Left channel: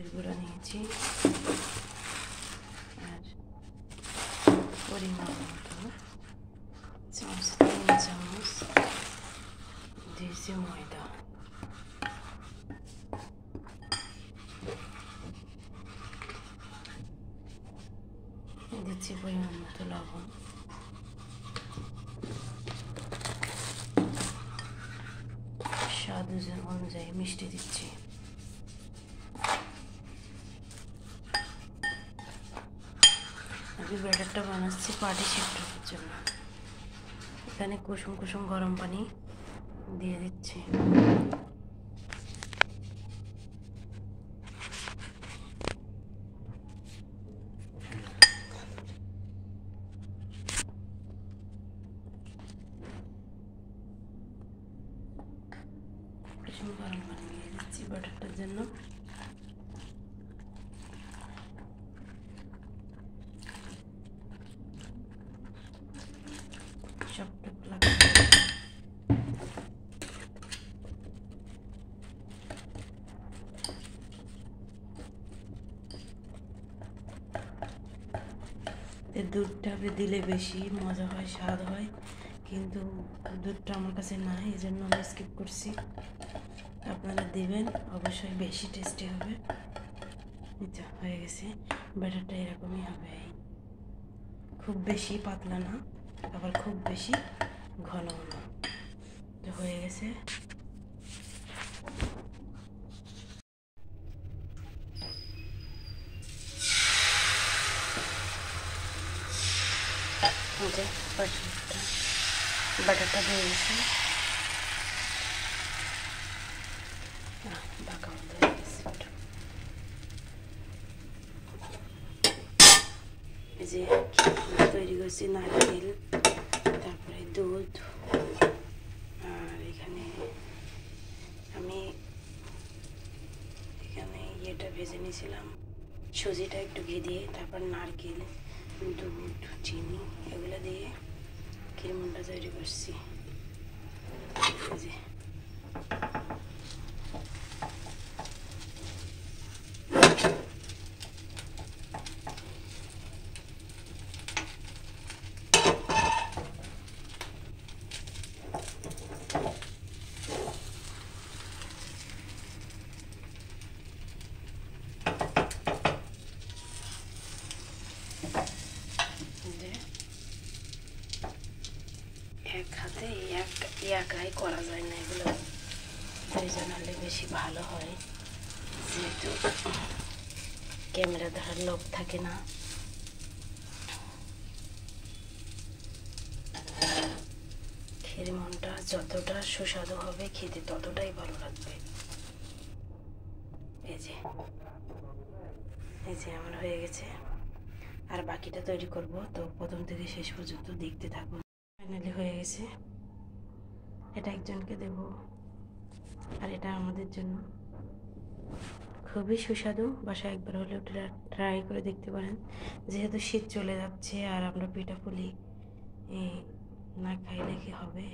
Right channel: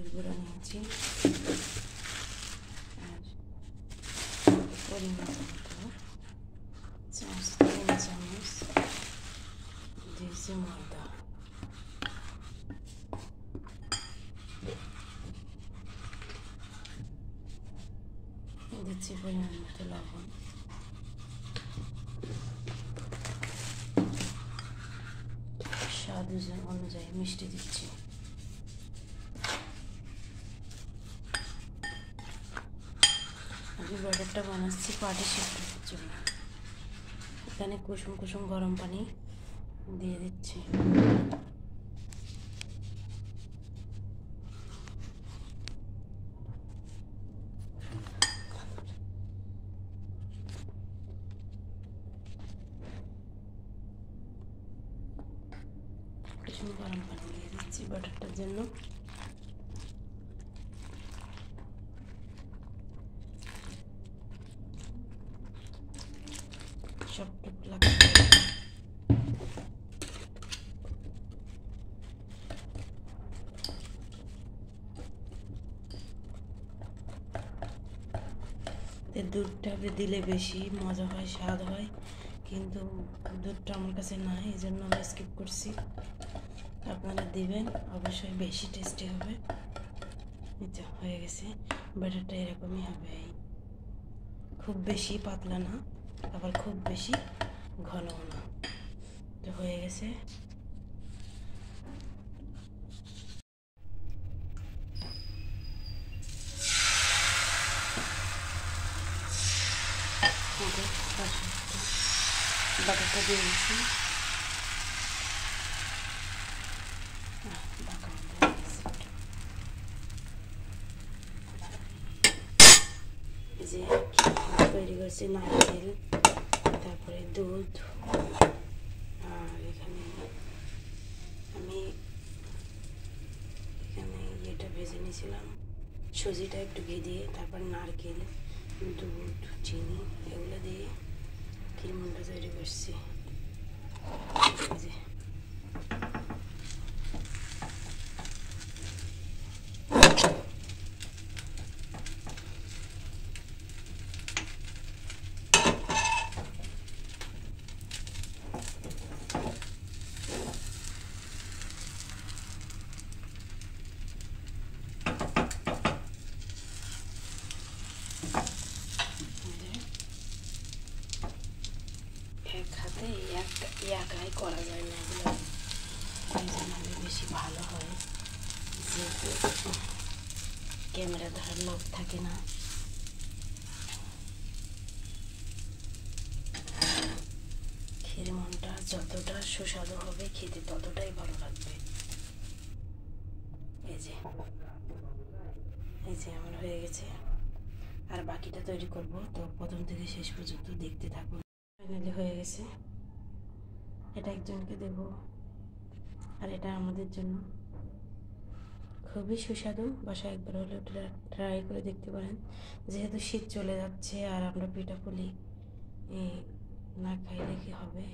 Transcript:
হলুদের গুঁড়া নিয়েছি আর পরিমাণ মতো চামচ 3 চামচ দিয়েছি ময়দা। দিচ্ছি পরিমাণ মতো লবণ, স্বাদ অনুযায়ী মিষ্টি দিচ্ছি। আমি ব্যাটারটা বানাচ্ছি পাটিসাপটার জন্য। এখানে কুসুম কুসুম গরম পানি দিয়ে দিচ্ছি। কুসুম গরম পানি দিয়ে দিচ্ছি ব্যাটারটার জন্য। সবটুকু লাগবে। দুধটা দিলে বেশি মজা হয়, স্বাদ হয়, কিন্তু দুধটা আমার কাছে নাই, এই জন্য আমি স্কিপ করছি। আপনারা দিবেন, অবশ্যই বেশি টেস্টি হবে। এটা হয়ে গেছে, ব্যাটারটা এরকমই হবে, খুব বেশি পাতলা না আবার খুব বেশি ঘনও না। তো হয়ে গেছে। ব্যাটারটা দিয়ে দিয়েছি, ঢাকা বন্ধ হয়ে গেছে। এই যে তৈরি করছি নারকেল, তারপরে দুধ, আর এখানে আমি ইয়েটা ভেজে নিয়েছিলাম, সুজিটা একটু ঘি দিয়ে, তারপর নারকেল, দুধ, চিনি এগুলো দিয়ে ক্ষীরমন্ডা তৈরি করছি। যে এক হাতে একাই করা যায় না, এগুলো দুইজন হলে বেশি ভালো হয়, যেহেতু ক্যামেরা ধরার লোক থাকে না। ক্ষীরমন্ডা যতটা সুস্বাদু হবে খেতে ততটাই ভালো লাগবে। এই যে আমার হয়ে গেছে, আর বাকিটা তৈরি করব, তো প্রথম থেকে শেষ পর্যন্ত দেখতে থাকুন। ফাইনালি হয়ে গেছে, এটা একজনকে দেব আর এটা আমাদের জন্য। খুবই সুস্বাদু, বাসায় একবার হলেও ট্রাই করে দেখতে পারেন। যেহেতু শীত চলে যাচ্ছে আর আমরা পিঠাপুলি না খাইলে কি হবে।